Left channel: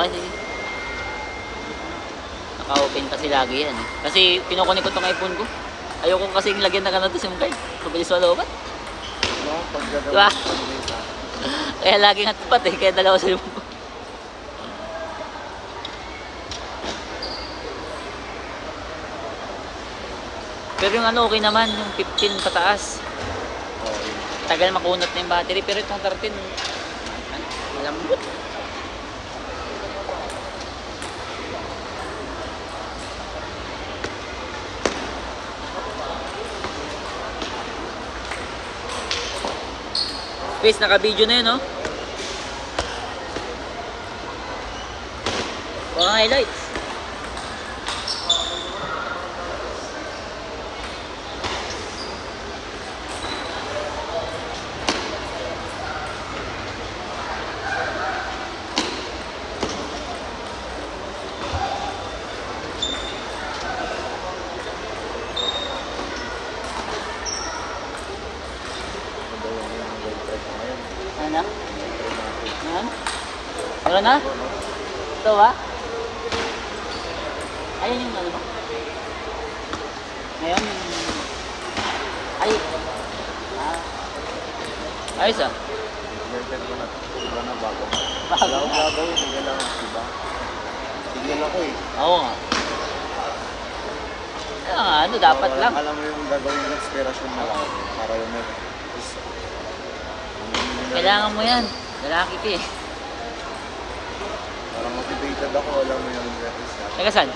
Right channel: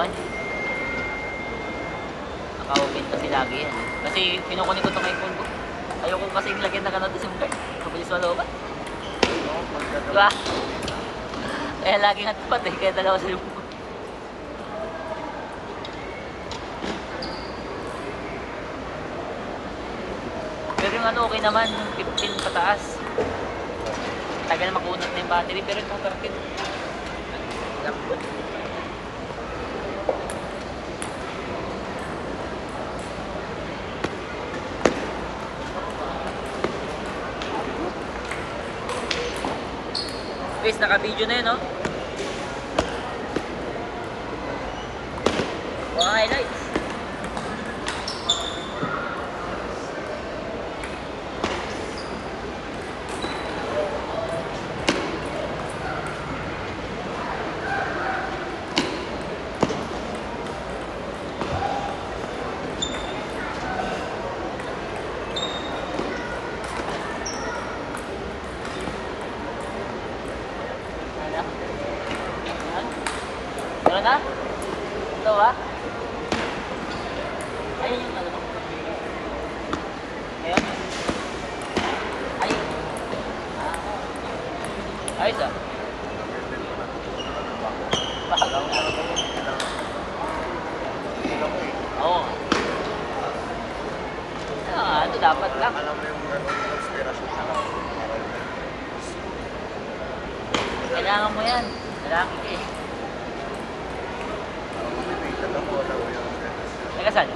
kasi. Naka-open kasi lagi yan eh. Kasi pinukunin ko itong iPhone ko. Ayoko kasing lagyan na ganito SIM card. Mabilis malooban. Diba? Kaya lagi nga tapat eh. Kaya dalawa SIM ko. Pero yung ano okay naman. 15 pataas. Tagal makunat na yung battery. Pero itong 13. Lambot. Guys, naka-video na yun, no? Mga highlights. Wala na? Ito ba? Ayun yung dalawa. Ayan. Ay. Ayos ah. Oo. Ano dapat lang. Alam mo yung gagawin yung inspiration mo. Kailangan mo yan. Lalaki ka eh. Teka saan?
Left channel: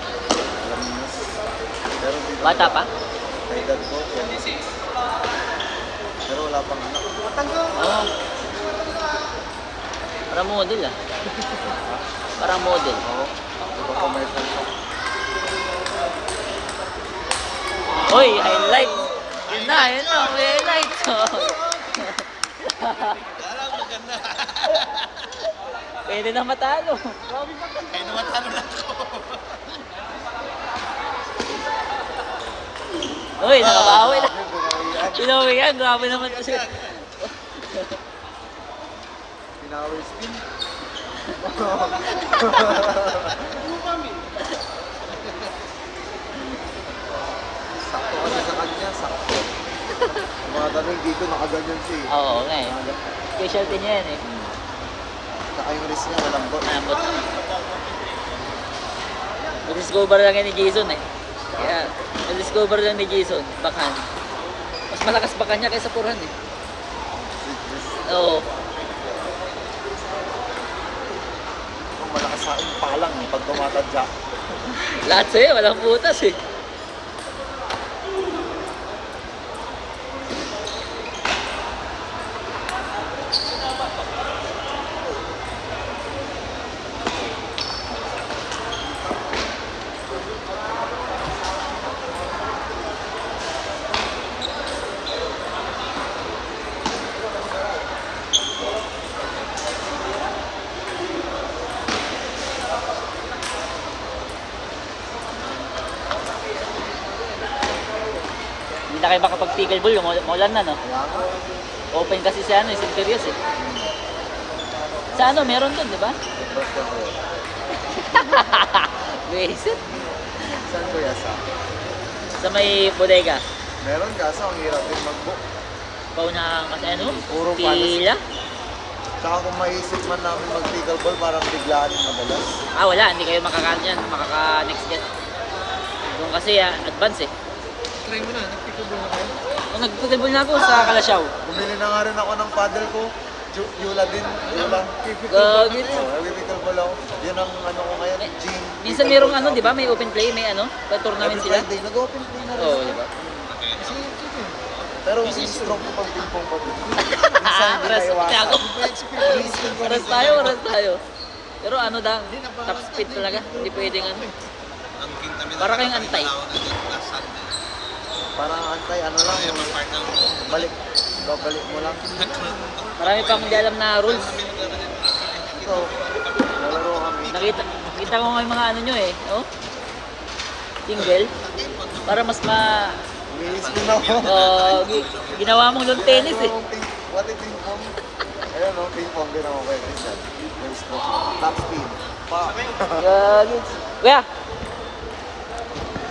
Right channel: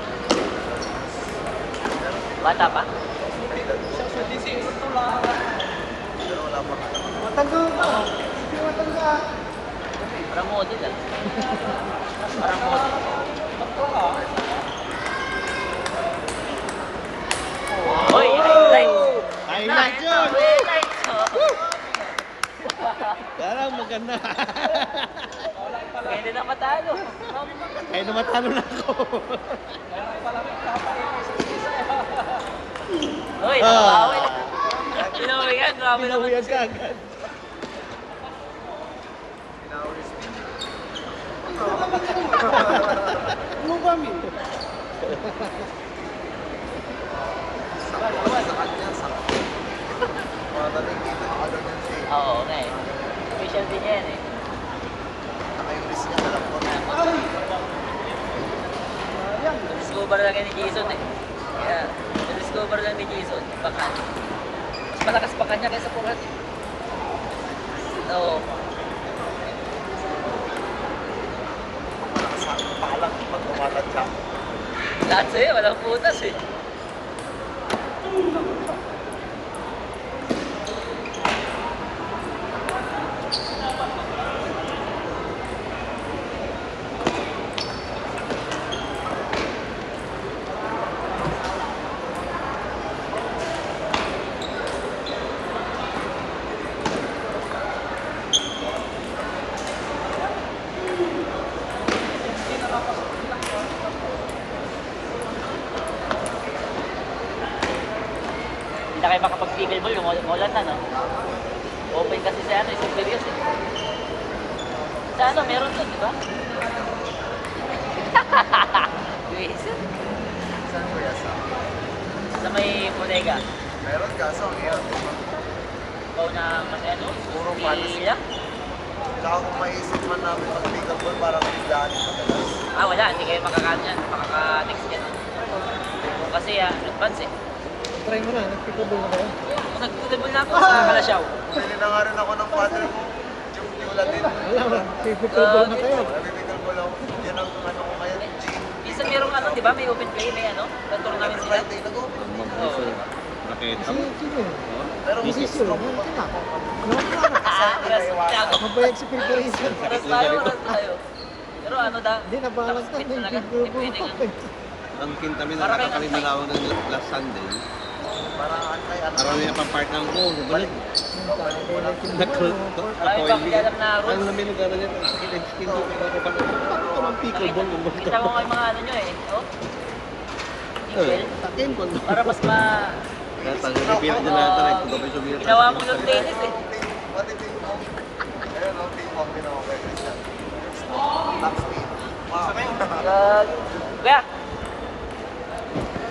Bata pa? Matanggal ka! Matanggal! Para model ah. Para model. Hoy, highlights! Ito, highlights! Parang maganda. Pwede na matalo. Kaya namatalo na ako. Uy, nabawi na. Pinawi yan, dami naman ito siya. Ano ba mi? Mga tanong dito nakagagong siya. Oo, eh. Specialty niya yan eh. Patay yung risk na lang po. Na-discover lang yan ni Jason eh. Yan. Na-discover lang ni Jason. Bakan. Mas malakas pa kanya kaysa Puran eh. Oo. Malakas aking palak pag tumagat ka. Lahat sa'yo, walang putas eh. Hindi na kayo makapag-tigil ball yung ulan na, no? Open kasi sa ano, sa Curious eh. Sa ano, meron nun, di ba? Crazy. Sa may bodega. Meron kaso ang hirap din lang po. Pao na kasi ano, Puro pila. Tsaka kung maisip mo na pag-legal ball, parang biglaan na naman. Ah, wala, hindi kayo makakaano yan, makaka-next yan. Kasi advance eh. Try mo na, nag-pickable na kayo. Kung nag-football na ako sa Kalasyaw. Bili na nga rin ako ng father ko. Yula din. Wala, pipicable na kayo. Pag-legal ball ako. Yan ang ano ko ngayon. G. Minsan merong ano, di ba? May open play, may ano, tournament sila. Every Friday, nag-open din ako. Oo. Sige. Pero Decision. Meron ka. Meron ka na. Ako. Magbayad sa preparation. Oras tayo. Pero ano daw, Hindi na balance na. fit talaga. Hindi pwede nga. Ang kami Parang kayong antay. dalawa ng last Sunday. parang antay at Kaya pa-parking ko, balik. Marami pang hindi alam na Ang rules. namili talaga, Kita mo may mga ano nyo eh. Oh? Tingle. Para mas ma... Ginawa mong ng tennis eh. What if yung ayan o, ping pong din ako kay Chris. Top speed. Kuya,